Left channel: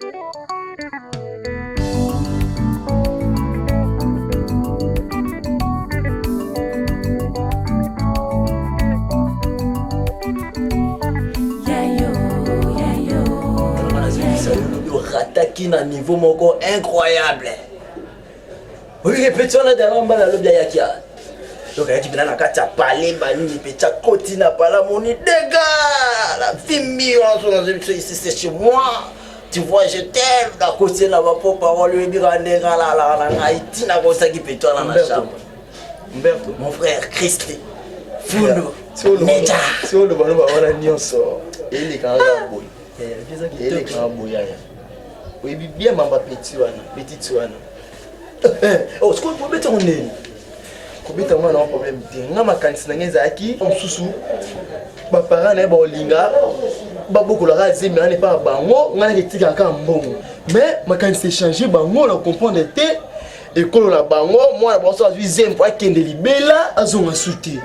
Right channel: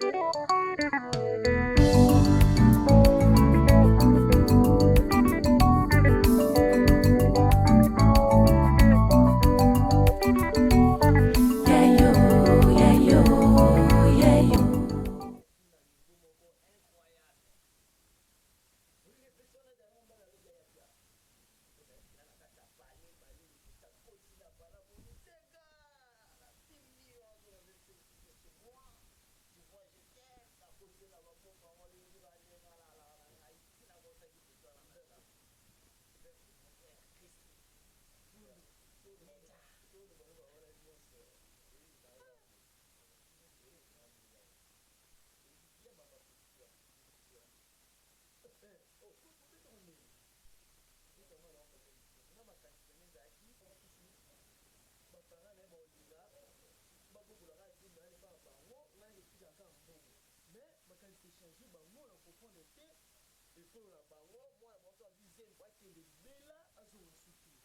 Attaqué à un niveau incroyable. Oui, petit on a des rames dans le bien yakia. Donc il y a qui vient dans la carte à parler, bani, petit à côté n'a pas la monnaie, dégâts. La fille c'est chez moi. Tu vois, je t'aime. La côté n'a pas pour parole, lui dire en dégâts là, Haïti n'a pas ça qui peut toi dans la chambre. Umberto, mon frère Christy. Fundo. Meja. Si on le voit, on a nion sort. Il est quand même boy. Il est quand même boy. Oui, bien mamba petit wana. Oh, ce qu'on peut mettre en nez. Kobeta mwana na problème te. Nga makanisi na ngeza aki mususu. Ba parents na ba olinga. Ba bokola ka zemi na pas bango, nga na ketika ka mbongo. Mais makanisi changer bango na comprendre te. Ekolo na bango, mwana ba so azwi zempo akende libela azonga suti.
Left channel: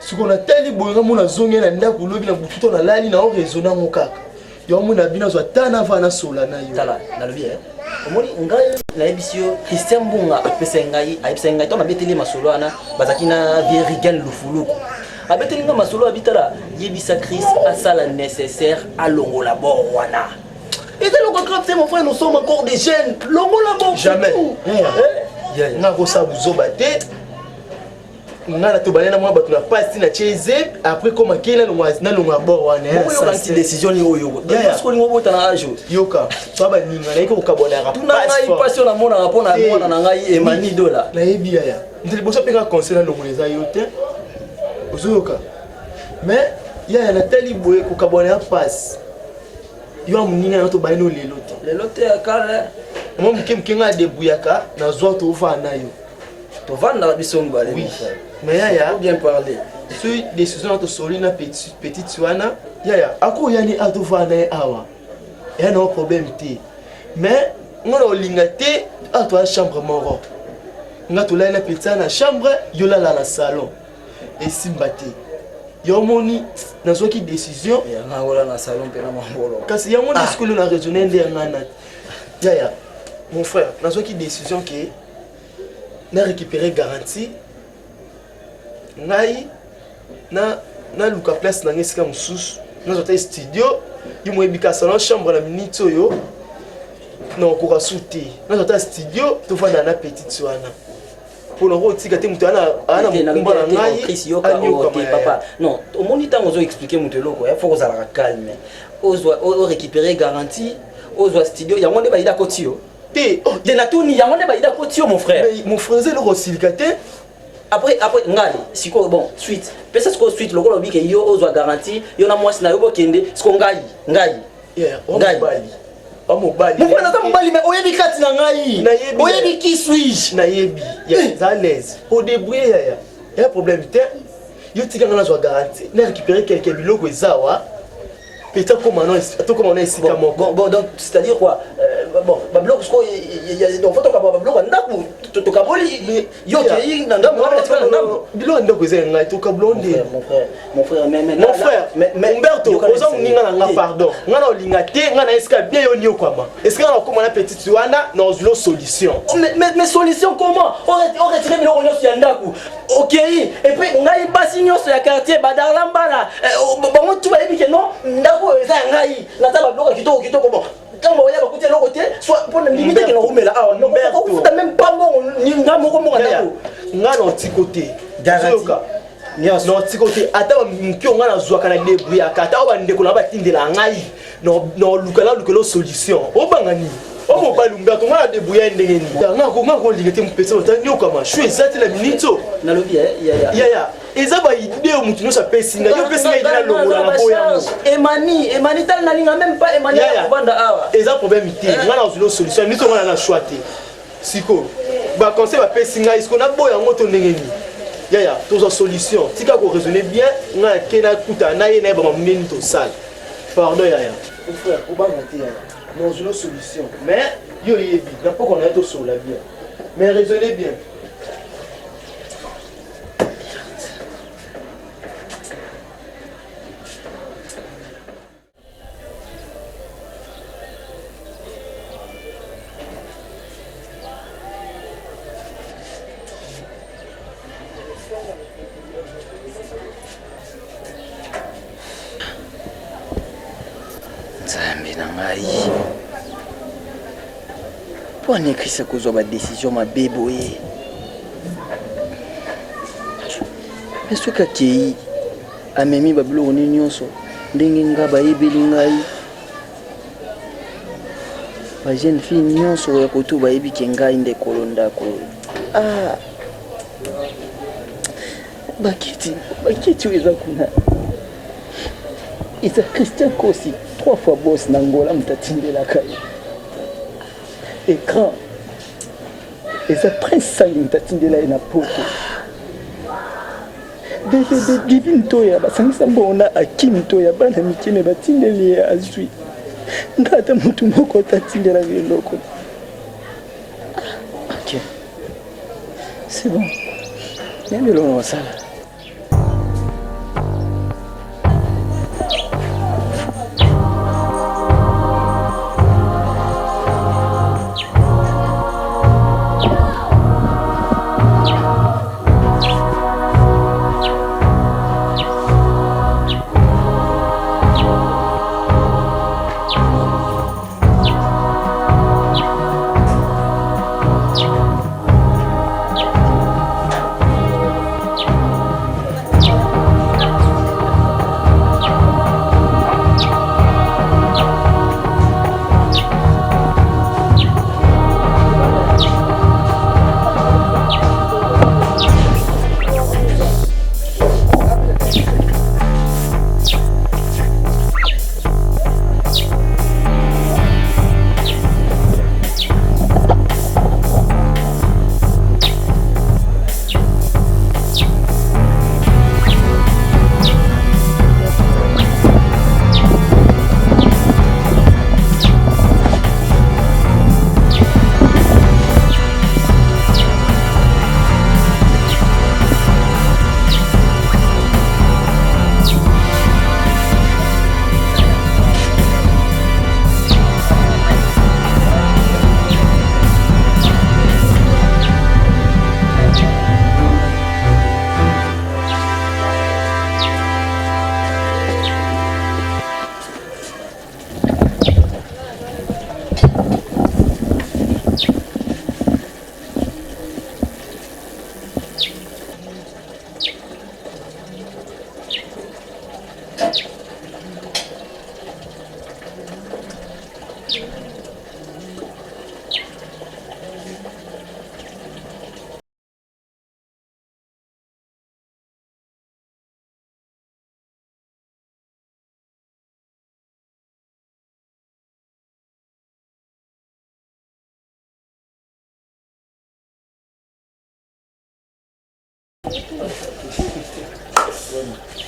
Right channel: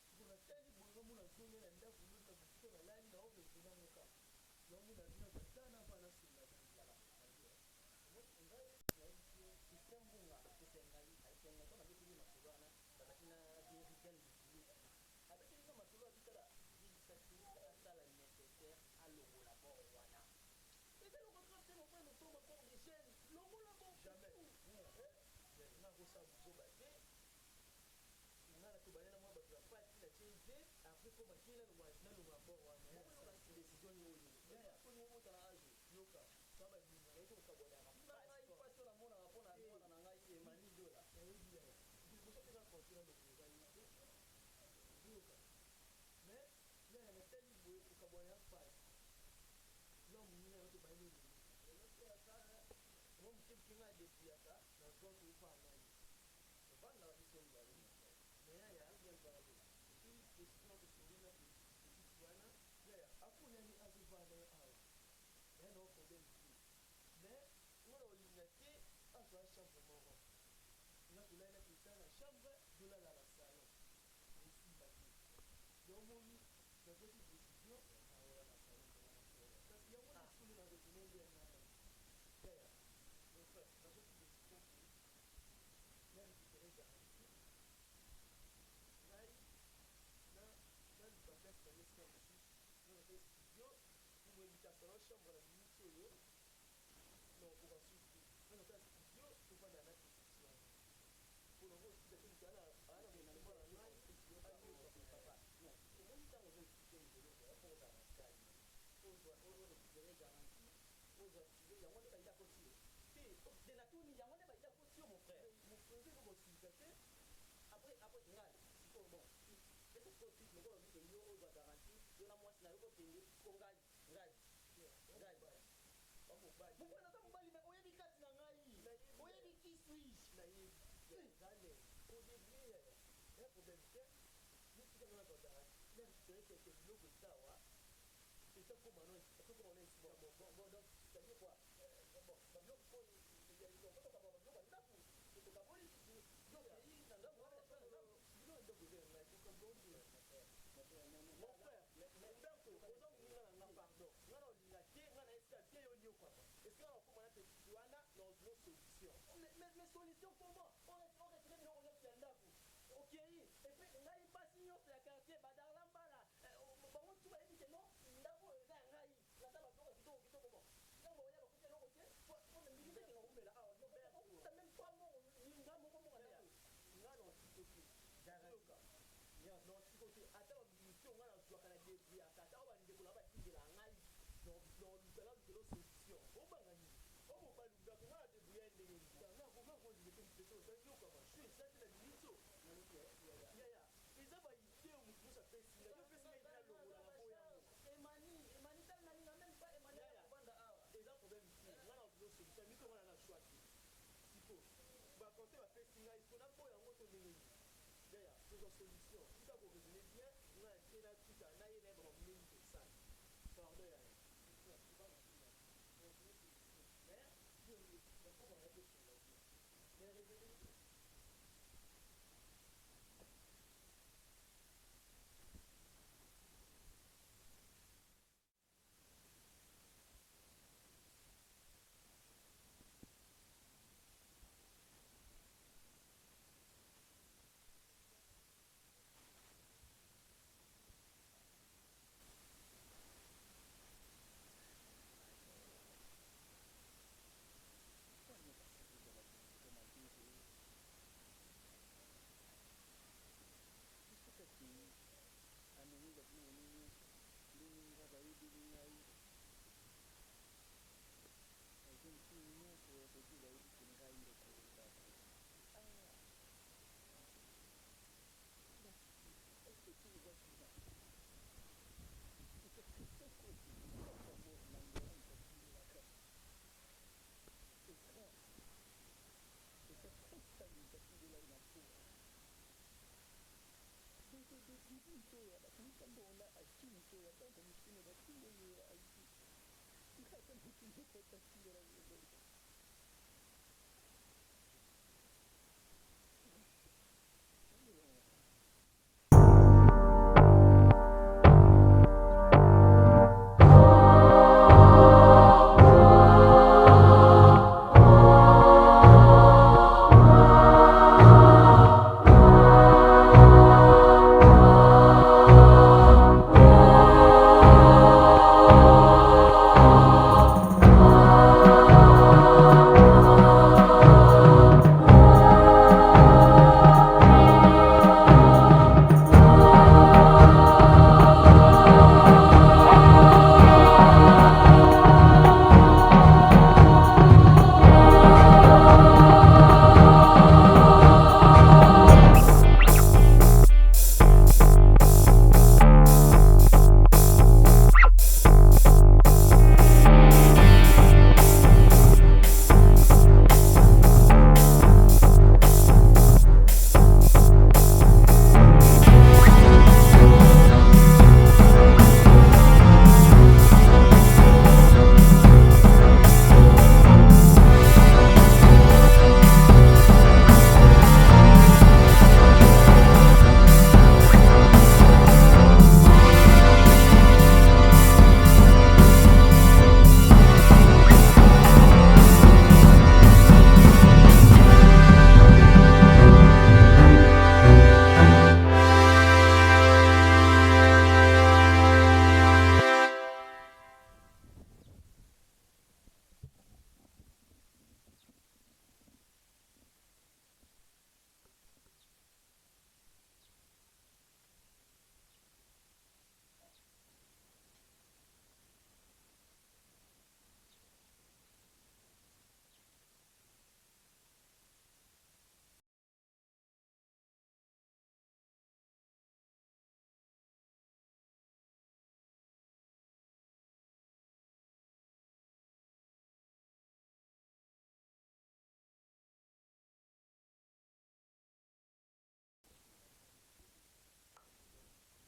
Ce qu'on a tellement boyanga mona zonga na ndako lobi na bututo na lali na o raisonner mo kaka. Yo mona bina zo tana vana sola na yo. Tala, na lobi omoni ngai na ebisio Christian Mbunga apesa ngai to na beteli masolo ana bazaki na Virigan Lufuluku. Abeteli nga masolo abitala yebisa Chris asala nécessaire à longola bord wana. Et c'est le contraire, c'est mon frère, nous sommes encore des jeunes. Longola bord jamais. Na ko sa buzoba te. Nga na to banana mwa batu na pasti na cheze après comme kela na longa bord wana. Ça c'est décision ni oyo. Parce que ni obota na ajo. Yoka, so ba ninga na iko kabona ra. Tuna ngai passion na mona rapona mona na ngai Emani dola. Na yebi ya. Ndeli boso penga conseil na longoleza yote. Ozoyoka. Mais ya na tali boye ko kabona passe. Yo amuninga na to baino lelo te. Lelo te akala. Mo mkemkenga debuyaka na zo to va na yo. To va na biso ngale. Oui. Mais ya bien parler. Ce décision to soli na petite wana. Ya ako yani atova na awa. Ya no problème te. Mais ngona olinga te atwa chambre moro. Nga to la na petite na chambre yo la na salon. Et simbate. Yo moni nazoki décision ya ngola na salon pe na mambolo. Kasi ya moni ce que nous a raisonné ndé ngana. Ya mon frère, nazoki décision que na récupérer garantie. Ngai na luka place na ngesika mususu. Na zota studio, yo mo ebika salon chambre na minute yo. Na ko souti. Na zota studio, to fa na petite wana. Pour le rôle, si tu as papa. Non, au moment où on expliqué mon teloko, il faut que ça la calme. On récupérer garantie, on doit studio, il y a mon débat d'akotio. Il y a tout, il y a mon débat d'akotio, mon frère. Mon frère, c'est le rosilicate. Après, ngali, si quoi, bon, suite. Peut-être que suite, le rôle, il y a on doit garantie, il y a moi, c'est na kende, ce qu'on gagne. Mobali. Mon frère, mobali, mais oyebi kati na ngai. Oyebi qui suis-je? Na yebi. Ya à l'aise. Au début, il y a un problème. Yo tika ngana zo garantie. Na récupérer quelques biloko ezawa. Peut-être comment on est ici bon donc c'est-à-dire quoi bon ba bloc ce il y a donc faut to ka ba bloc ndaku to ka boli yo ke na ndamu bilo ndako eza ngai to ka blonde mon frère mais Umberto oza muninga na pardon ngana olinga te ngana eska bien yo ni okama est-ce que ngana okoma na petite wana na ozulo solution mais solution comment on retire bilo onyo ya ndaku OK et puis ngai basi nyoso ya quartier badarla mbala bon tu vas dire que non ndaku eza ngai na taba bloc kitoko bon quand on y a beaucoup de l'autre côté soit pour limiter que l'on remet là non on fait même pas bon ni ngamo ko mo ndaku nga na ti côté garantie non ti côté ata mkio nga na zwaka na debrouiller ata ba ndeko na ba tindela ngai no lukalo solution obangani o mo ba Umberto nga na debrouiller ndenge ni nga ko ligete mpesa otani okama shwe zati la minito na lobi ya eza ba idée mutu no sa pesinga yo pesinga idée na longola na boya Emani tal na linga même pas Emani ya banda awa eza problème te nga na zulo solution nito nga na choix te siko ba conseil ba pesinga isko na boya ngoto ndenge ni ya tozo solution tika ko raisonner bien nga kena kuta na ye na ba mameni to sale pardon ya frère ko ba ngati ya no zulo solution mais yo yebi na poko na to sur la bien mais raisonnez bien. na ngai po anekrisa kozwa badesizio mabe boye me soki akei amemi babiloko nini nyonso ndenge nga bayebeli ngai bajeune fille nyonso ya koto bayebike ngai ndekolo ndako bakiti oyo eza kuna eza Christian Kosi 3 fois boss na Angola mutatindelaka ye écran eza Prince Sangi mutatindela ye na poto DVD Divine Toya basangisa mbona Akim Toya bana mikime batindeli ye azwi ngata mutu moko tatindela biloko. Ok, c'est bon, bien le ça.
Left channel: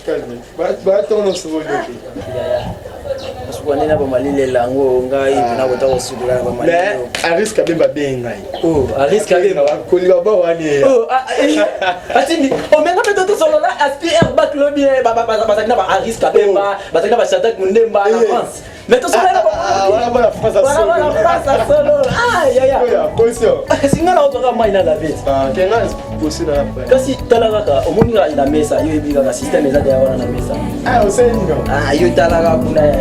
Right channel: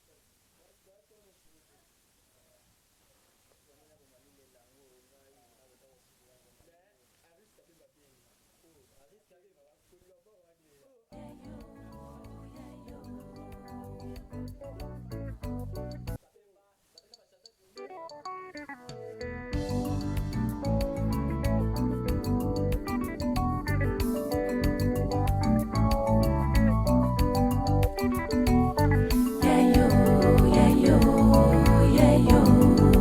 Calme. Va tourner sur le dos. Parce qu'on est là pour m'aller les langues, on a une autre aussi de là pour m'aller. Mais à risque de me bien ngai. Oh, à risque de me. Koliba ba wani. Oh, atini. On met pas tout sur là, aspire back le bien, à risque de me. Parce que va chanter Mundemba en France. Mais tout ça là. Voilà la France à solo. Voilà la France à solo. Ah, ya. Position. Si ngala otoka mai na la vite. Ah, kenga position là. Kasi talaka omunga ina mesa, yo biga system eza ya wana na mesa. Ah, on sait diga. Ah, yo talaka kuna ya.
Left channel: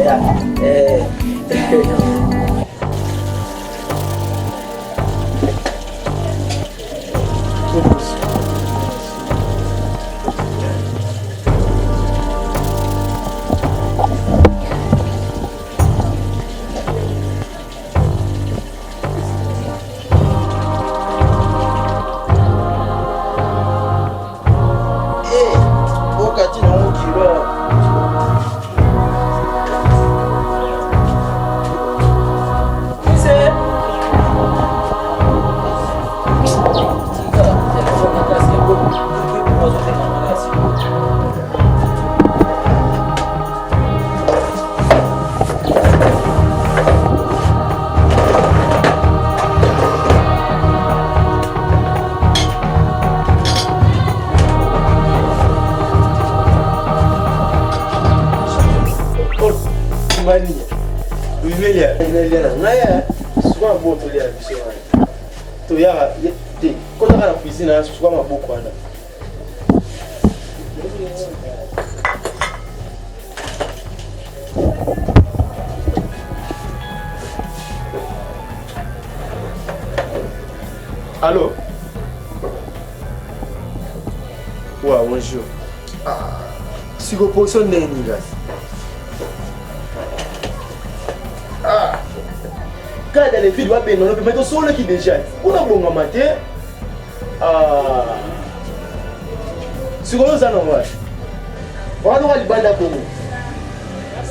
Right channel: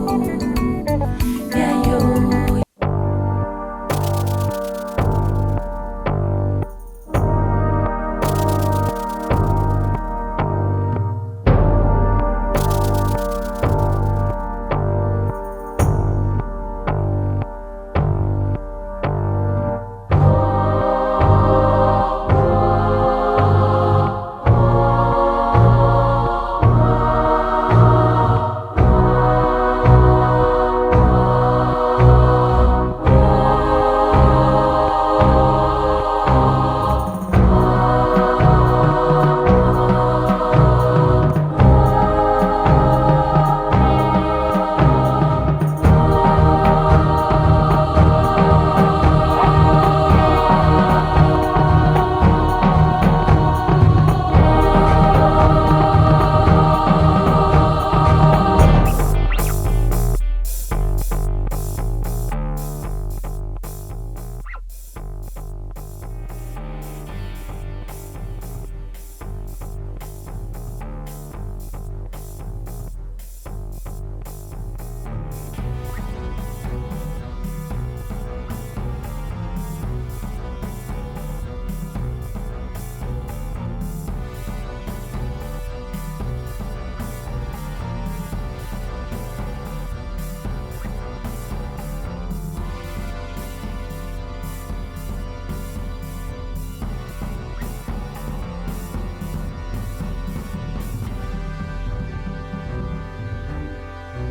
Allô? Ouais, bonjour. Si vous posez un nez, quand les filles vont bien, on peut mettre sur le qui déjà. On a bon matin. Si vous avez un normal, on va aller à la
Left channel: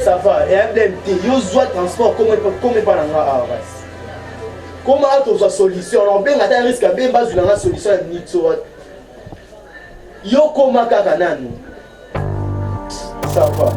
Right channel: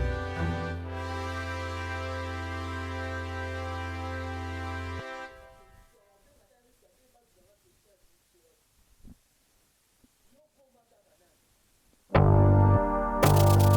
ça va, et un BMT, il y a transport comme pas dans la comment tu as solution? On a un risque à bien bas dans la solution à Nixon. Yo comment kakananu? Ça va.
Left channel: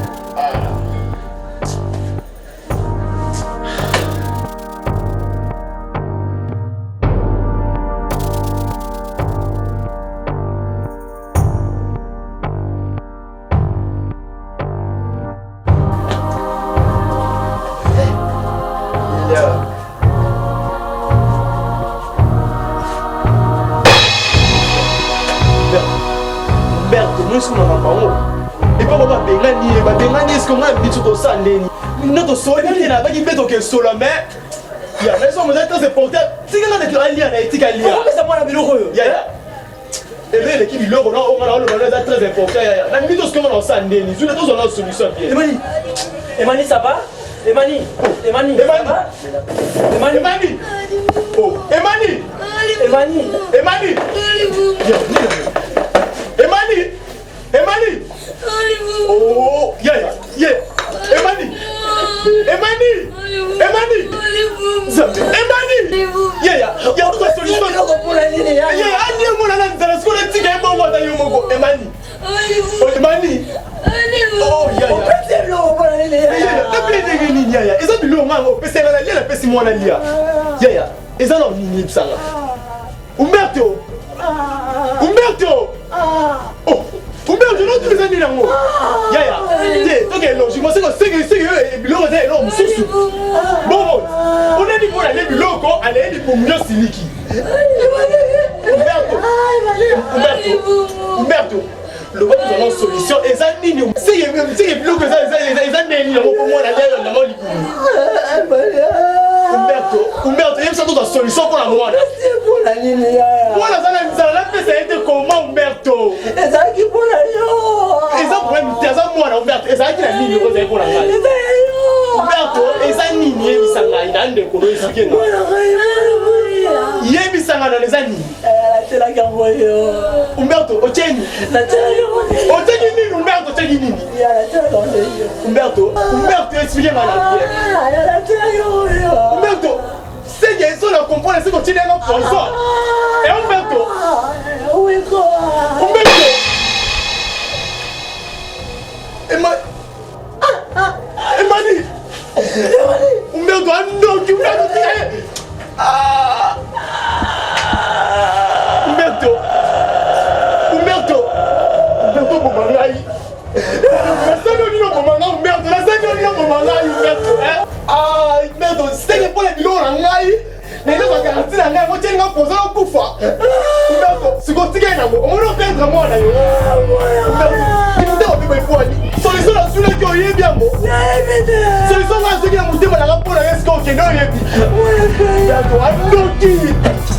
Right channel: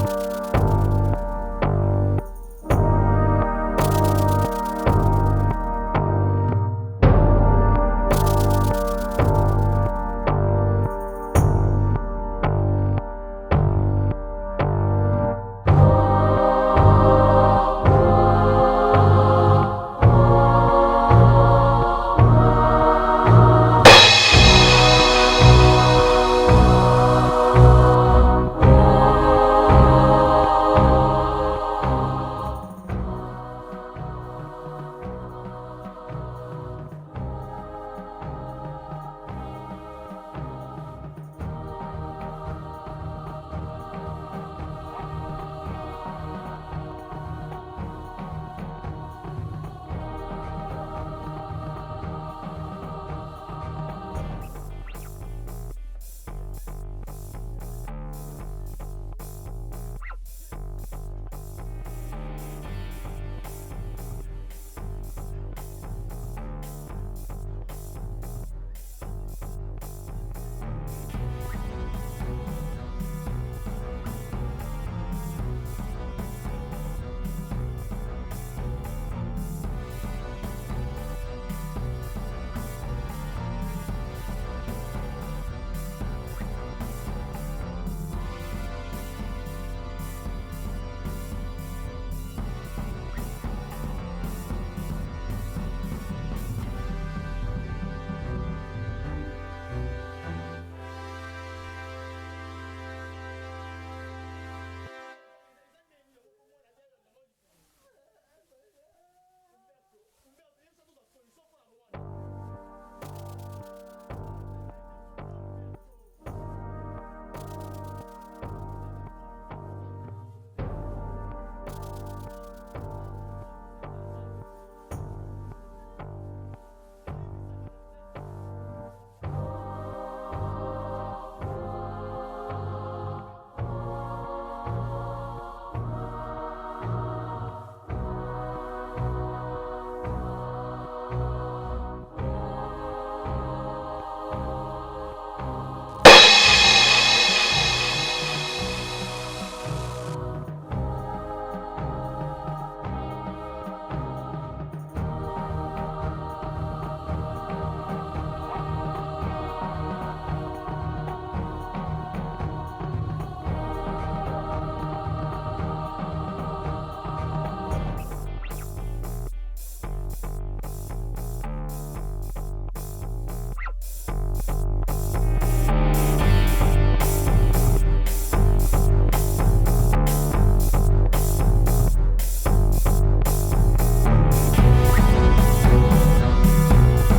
Emani, ça va? Emani, Emani, ça va? Emani, Emani, oh, Emani, Emani, Emani, Emani, Emani, oh, yeah, Emani, Emani, Emani, Emani, yeah, toute la solution. Emani, oh, Umberto! Umberto! Oh! Umberto, non tu les as mis là, moi! Yaya! Ok, logiquement, c'est que Bilo est l'homme sous. Bon, on a dit pour aller Bilo, aller pour mieux siliki. Umberto! Le gars, nous avons une solution. Et ça, c'est Bilo que ça, pour moi, Umberto, il y a une solution pour la moi. Voilà, ça la fait, ça a été comment, Umberto? Et ça qui pour la yo. Et ça pour moi, Umberto. Et ça qui la ligne pour la Umberto, et ça ni bisanga, il a un de colo ici. Il y a bisanga dans les années. C'est la gamboyo. Umberto, Ocheni. Ocheni, Umberto, Ocheni. Umberto, expliquez-moi la vie. Umberto, c'est qu'il y a une seule à comprendre, c'est qu'on tient un autre sponsor. Et Umberto. Umberto. Emani. Umberto, Umberto, Solution